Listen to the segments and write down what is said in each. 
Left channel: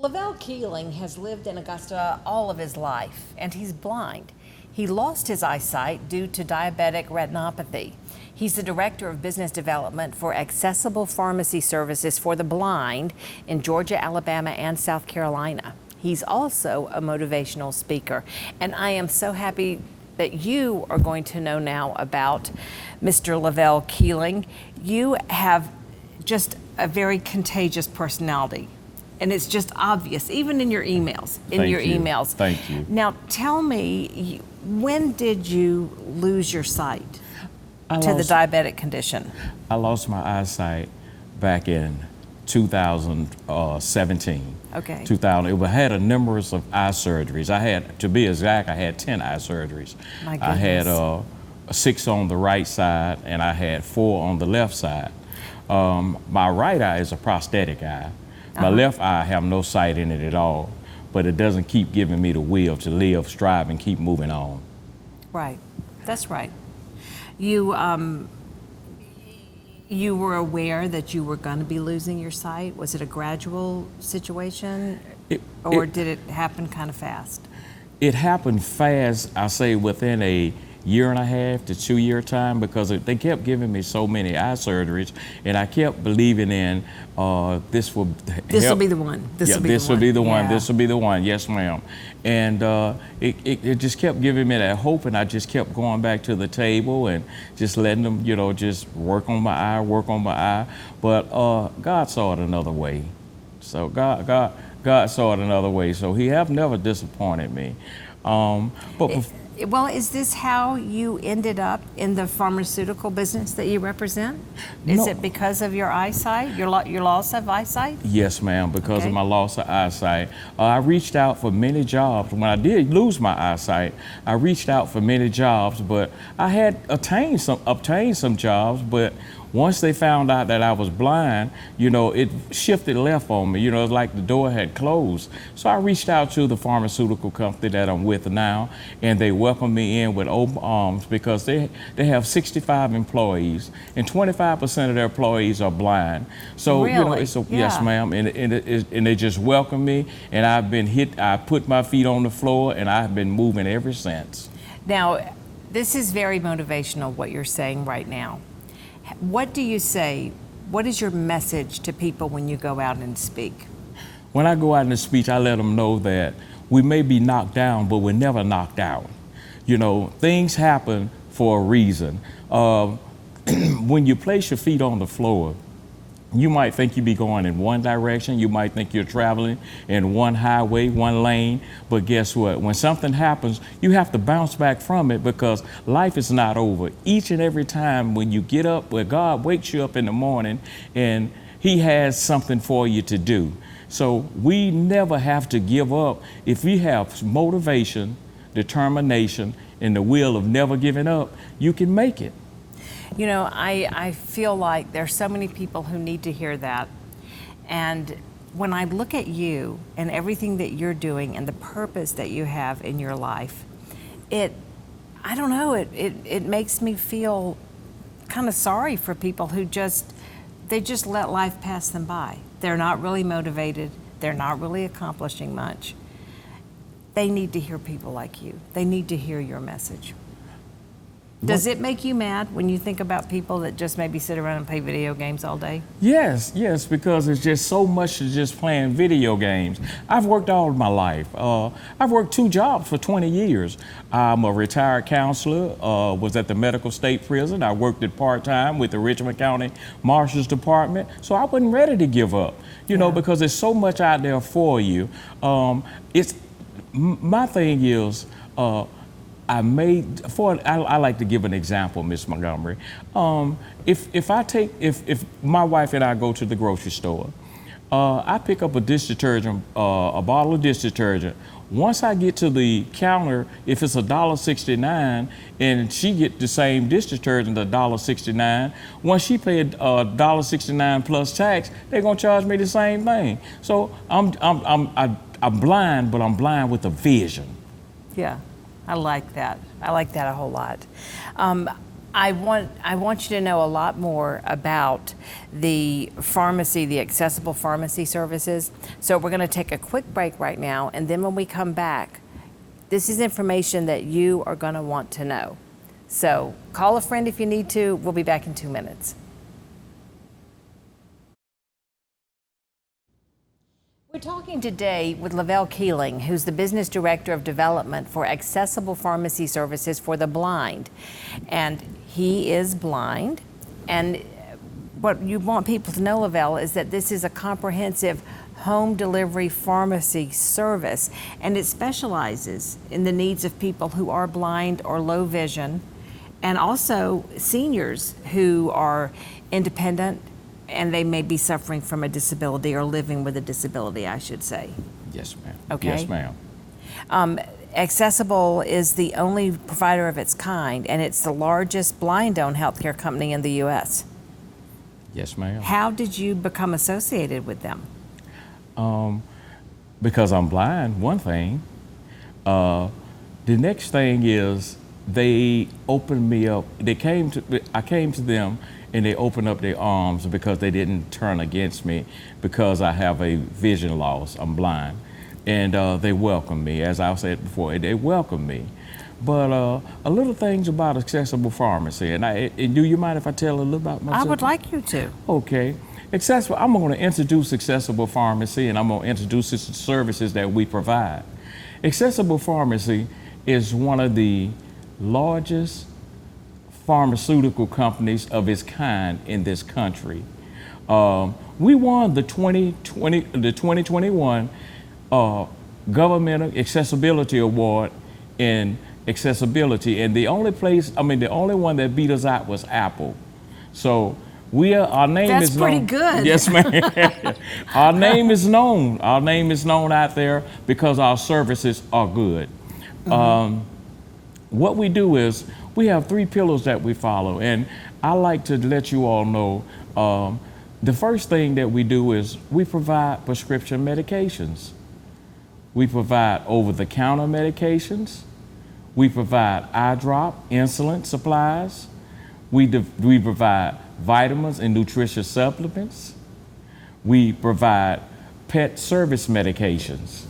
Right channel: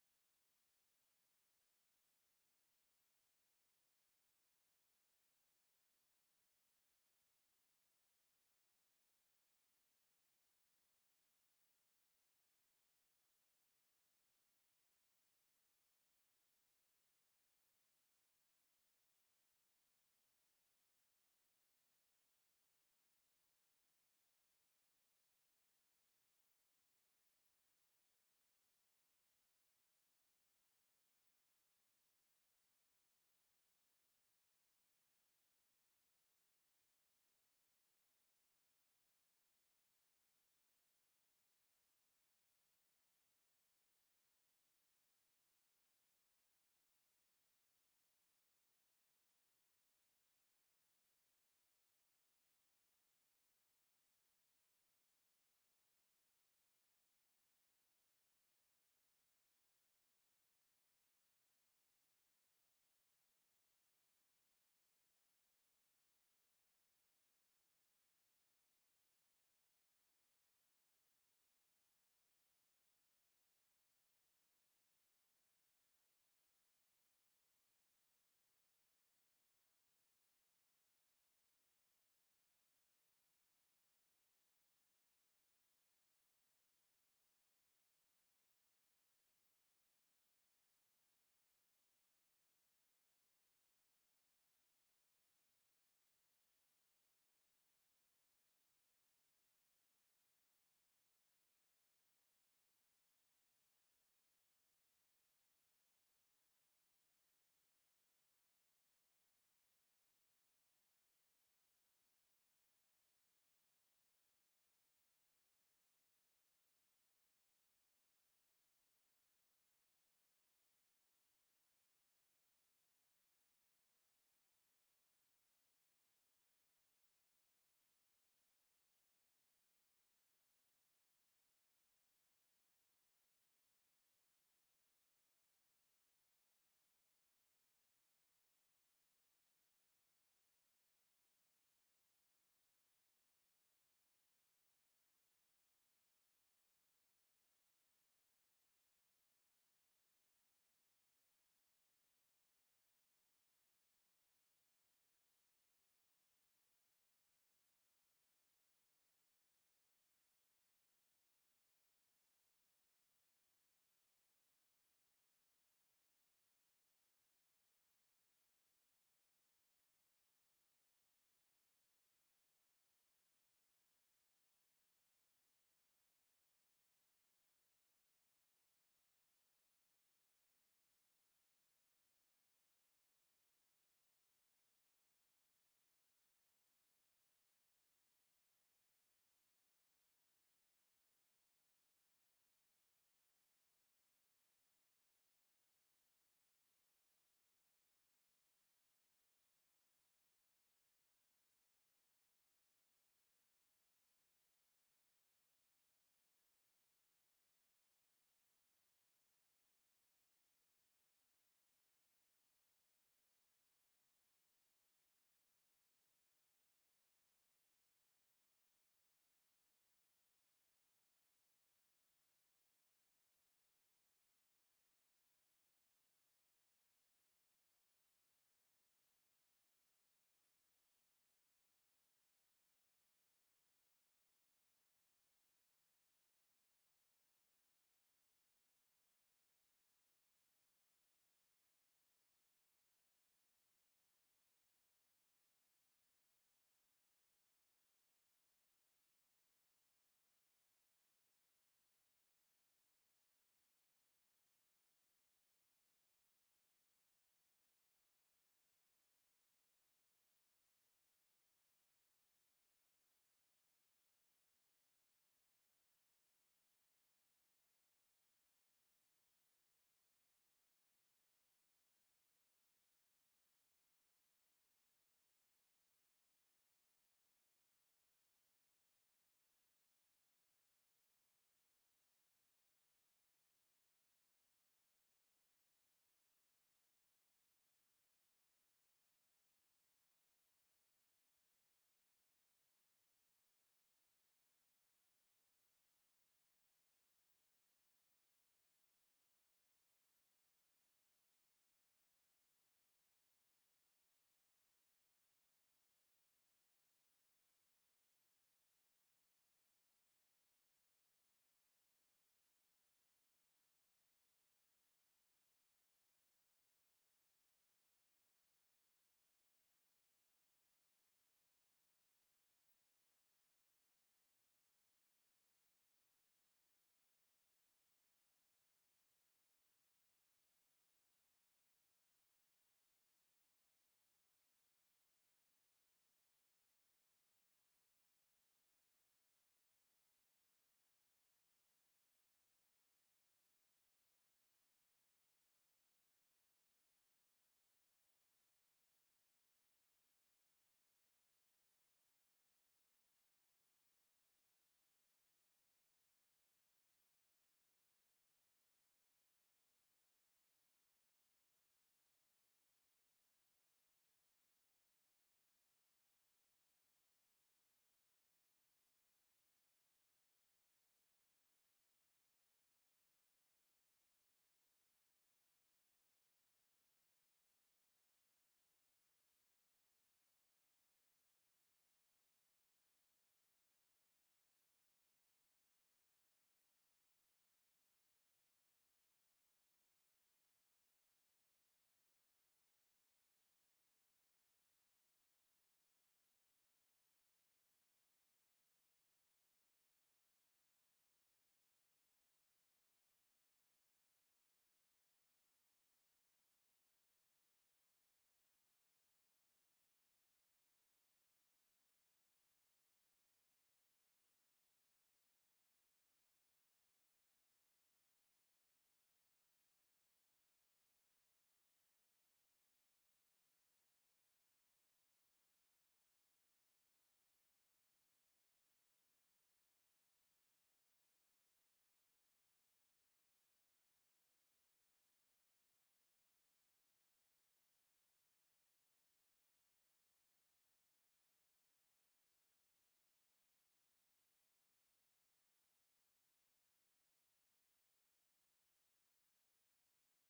Levell Keeling has lived in Augusta all of his life, and he's blind. He lost his eyesight due to diabetic retinopathy. He's the Director of Business Development for Accessible Pharmacy Services for the Blind in Georgia, Alabama, and South Carolina. He's also a motivational speaker, and I am so happy that you are going to know now about Mr. Levell Keeling. You have just a very contagious personality. And it's just obvious, even in your emails. Thank you. Now, tell me, when did you lose your sight to the diabetic condition? I lost my eyesight back in 2017. Okay. 2000. I had a numerous of eye surgeries. I had, to be exact, I had 10 eye surgeries. My goodness. I had 6 on the right side, and I had 4 on the left side. My right eye is a prosthetic eye. My left eye, I have no sight in it at all, but it doesn't keep giving me the will to live, strive, and keep moving on. Right, that's right. You were aware that you were going to be losing your sight? Was it a gradual situation, or did it happen kind of fast? It happened fast, I say within a year and a half to 2 year time, because they kept giving me so many eye surgeries, and I kept believing in this will be the one. This will be the one. Yes, ma'am. And it just kept giving me that hope, and I just kept going back to the table and just letting them, just work on my eye. But God saw it another way. So God saw it another way. So He have never disappointed me. Well, is this how you ended up in the pharmaceutical business that you represent? Is it because of your eyesight, your loss of eyesight? Yes, ma'am, because of my loss of eyesight. I reached out for many jobs. When I did lose my eyesight, I reached out for many jobs, but I had obtained some jobs, but once they found out that I was blind, it shifted left on me. It's like the door had closed. So I reached out to the pharmaceutical company that I'm with now, and they welcomed me in with open arms, because they have 65 employees, and 25% of their employees are blind. So, really? Yes, ma'am, and they just welcomed me, and I put my feet on the floor, and I've been moving ever since. Now, this is very motivational, what you're saying right now. What do you say? What is your message to people when you go out and speak? When I go out and speak, I let them know that we may be knocked down, but we're never knocked out. Things happen for a reason. When you place your feet on the floor, you might think you be going in one direction. You might think you're traveling in one highway, one lane. But guess what? When something happens, you have to bounce back from it, because life is not over. Each and every time when you get up, where God wakes you up in the morning, and He has something for you to do. So we never have to give up. If we have motivation, determination, and the will of never giving up, you can make it. I feel like there's so many people who need to hear that. And when I look at you and everything that you're doing and the purpose that you have in your life, it makes me feel kind of sorry for people who just let life pass them by. They're not really motivated. They're not really accomplishing much. They need to hear people like you. They need to hear your message. Does it make you mad when you think about people that just maybe sit around and play video games all day? Yes, because it's just so much to just playing video games. I've worked all of my life. I've worked 2 jobs for 20 years. I'm a retired counselor, was at the Medical State Prison. I worked it part-time with the Richmond County Marshal's Department. So I wasn't ready to give up, because there's so much out there for you. My thing is, I like to give an example, Miss Montgomery. If my wife and I go to the grocery store, I pick up a dish detergent, a bottle of dish detergent. Once I get to the counter, if it's $1.69 and she get the same dish detergent, $1.69, once she paid $1.69 plus tax, they're gonna charge me the same thing. So I'm blind, but I'm blind with a vision. Yeah. I like that. I like that a whole lot. I want you to know a lot more about the pharmacy, the accessible pharmacy services. So we're going to take a quick break right now, and then when we come back, this is information that you are going to want to know. So call a friend if you need to. We'll be back in 2 minutes. We're talking today with Levell Keeling, who's the Business Director of Development for Accessible Pharmacy Services for the Blind. And he is blind. And what you want people to know, Levell, is that this is a comprehensive home delivery pharmacy service, and it specializes in the needs of people who are blind or low vision, and also seniors who are independent and they may be suffering from a disability or living with a disability, I should say. Yes, ma'am. Okay. Yes, ma'am. Accessible is the only provider of its kind, and it's the largest blind-owned healthcare company in the U.S. Yes, ma'am. How did you become associated with them? Because I'm blind, one thing. The next thing is they opened me up. I came to them, and they opened up their arms because they didn't turn against me because I have a vision loss. I'm blind. And they welcomed me, as I said before, they welcomed me. But a little things about accessible pharmacy, and do you mind if I tell a little about myself? I would like you to. Okay. I'm going to introduce accessible pharmacy, and I'm going to introduce the services that we provide. Accessible pharmacy is one of the largest pharmaceutical companies of its kind in this country. We won the 2021 Government Accessibility Award in accessibility, and the only one that beat us out was Apple. So our name That's is known. pretty good. Yes, ma'am. Our name is known. Our name is known out there because our services are good. Mm-hmm. What we do is we have 3 pillars that we follow, and I like to let you all know the first thing that we do is we provide prescription medications. We provide over-the-counter medications. We provide eye drop, insulin supplies. We provide vitamins and nutritious supplements. We provide pet service medications.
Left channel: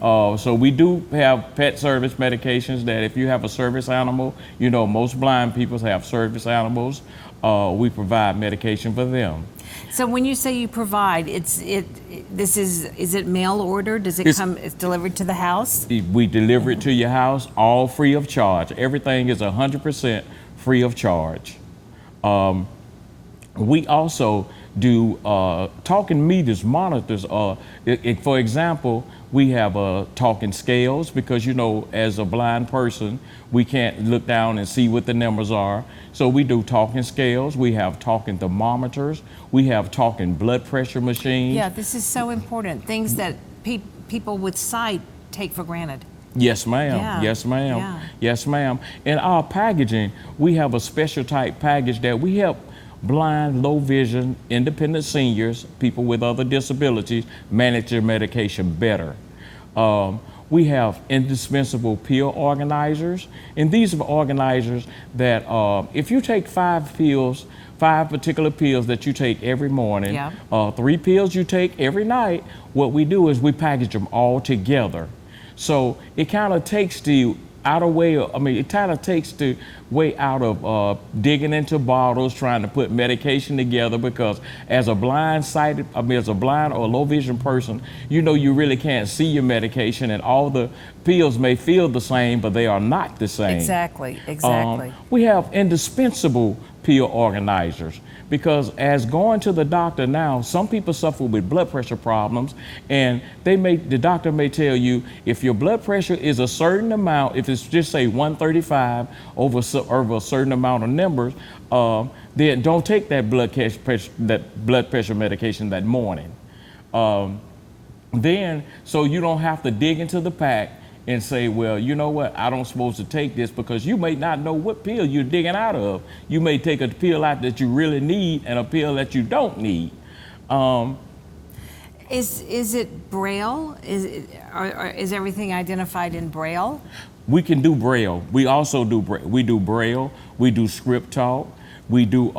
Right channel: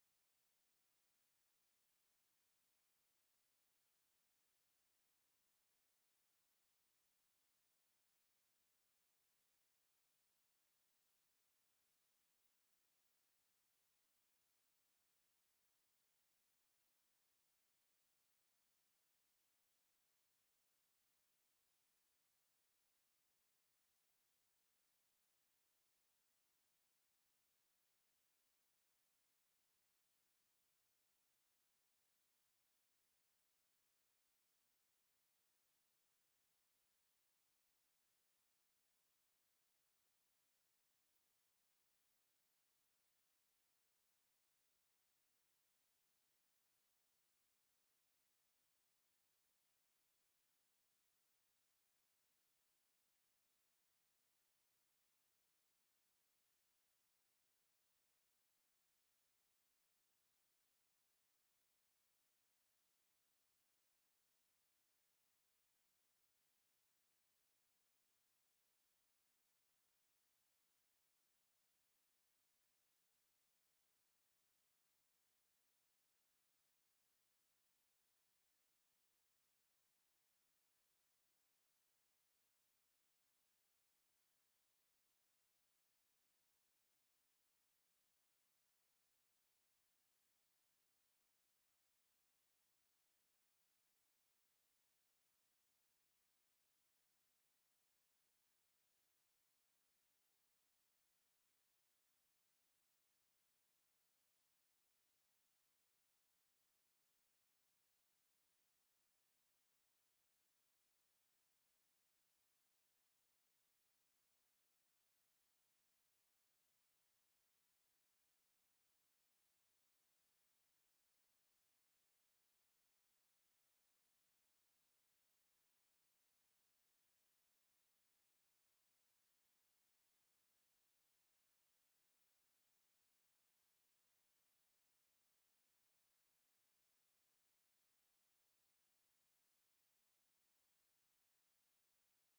So we do have pet service medications that if you have a service animal, most blind people have service animals. We provide medication for them. So when you say you provide, is it mail order? Does it's delivered to the house? We deliver it to your house, all free of charge. Everything is 100% free of charge. We also do talking meters, monitors. For example, we have talking scales because, as a blind person, we can't look down and see what the numbers are. So we do talking scales. We have talking thermometers. We have talking blood pressure machines. Yeah, this is so important. Things that people with sight take for granted. Yes, ma'am. Yeah. Yes, ma'am. Yeah. Yes, ma'am. In our packaging, we have a special type package that we help blind, low vision, independent seniors, people with other disabilities, manage their medication better. We have indispensable pill organizers, and these are organizers that if you take 5 particular pills that you take every morning, yeah. 3 pills you take every night, what we do is we package them all together. So it kind of takes the way out of digging into bottles, trying to put medication together, because as a blind or low vision person, you really can't see your medication, and all the pills may feel the same, but they are not the same. Exactly. We have indispensable pill organizers, because as going to the doctor now, some people suffer with blood pressure problems, and the doctor may tell you if your blood pressure is a certain amount, if it's just say 135 over a certain amount of numbers, then don't take that blood pressure medication that morning. So you don't have to dig into the pack and say, well, you know what, I don't supposed to take this, because you may not know what pill you're digging out of. You may take a pill out that you really need and a pill that you don't need. Is it Braille? Is everything identified in Braille? We can do Braille. We also do we do Braille. We do script talk. We do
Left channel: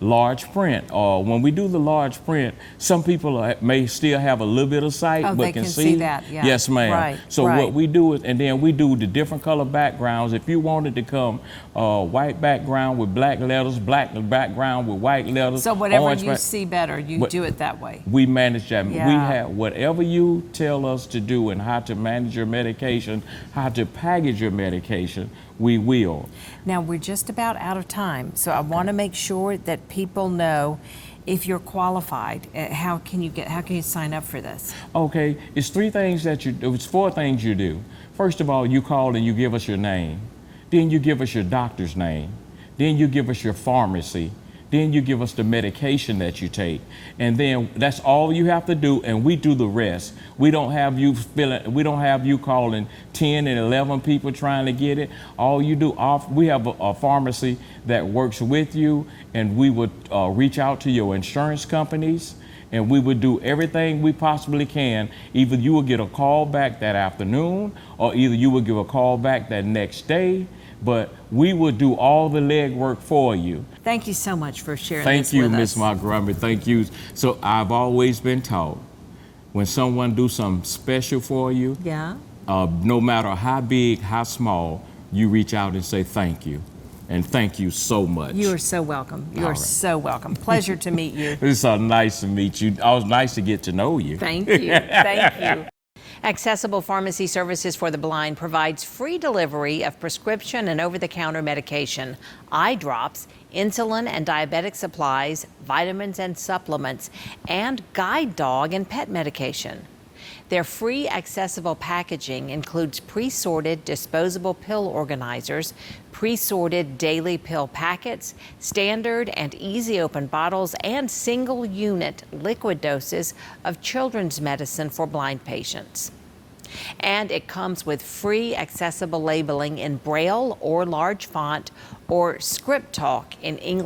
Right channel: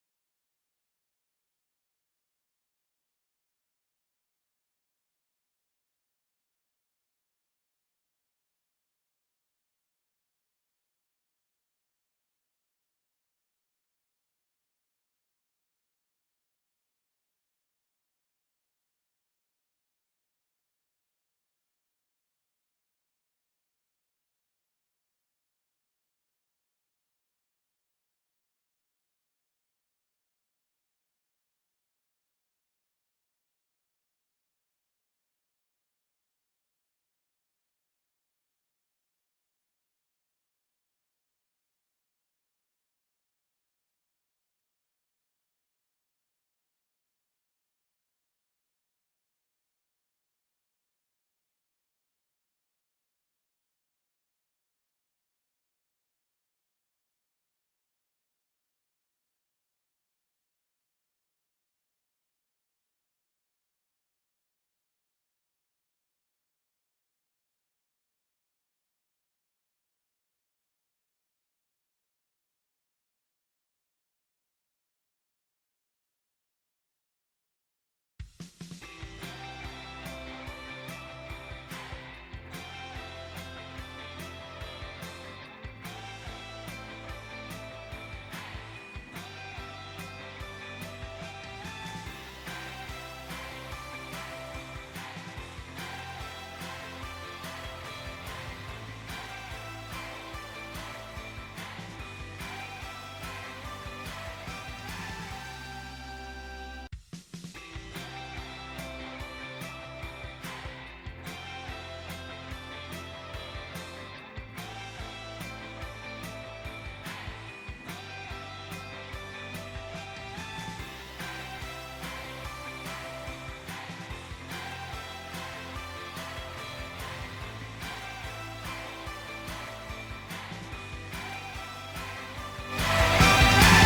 large print. When we do the large print, some people may still have a little bit of sight, Oh, but they can see that, yeah. Yes, ma'am. Right, So right. what we do is, and then we do the different color backgrounds. If you wanted to come white background with black letters, black background with white letters. So whatever orange you see better, you do it that way. We manage that. Yeah. We have whatever you tell us to do and how to manage your medication, how to package your medication, we will. Now, we're just about out of time, so I want to make sure that people know if you're qualified, how can you sign up for this? Okay, it's it's 4 things you do. First of all, you call and you give us your name. Then you give us your doctor's name. Then you give us your pharmacy. Then you give us the medication that you take. And then that's all you have to do, and we do the rest. We don't have you calling 10 and 11 people trying to get it. All you do, we have a pharmacy that works with you, and we would reach out to your insurance companies, and we would do everything we possibly can. Either you will get a call back that afternoon, or either you will give a call back that next day. But we will do all the legwork for you. Thank you so much for sharing Thank this you, with us. Miss Montgomery. Thank you. So I've always been taught, when someone do something special for you, Yeah. no matter how big, how small, you reach out and say thank you. And thank you so much. You are so welcome. You All are right. so welcome. Pleasure to meet you. It's so nice to meet you. It was nice to get to know you. Thank you. Thank you. Accessible Pharmacy Services for the Blind provides free delivery of prescription and over-the-counter medication, eye drops, insulin and diabetic supplies, vitamins and supplements, and guide dog and pet medication. Their free accessible packaging includes pre-sorted disposable pill organizers, pre-sorted daily pill packets, standard and easy open bottles, and single unit liquid doses of children's medicine for blind patients. And it comes with free accessible labeling in Braille or large font or script talk in English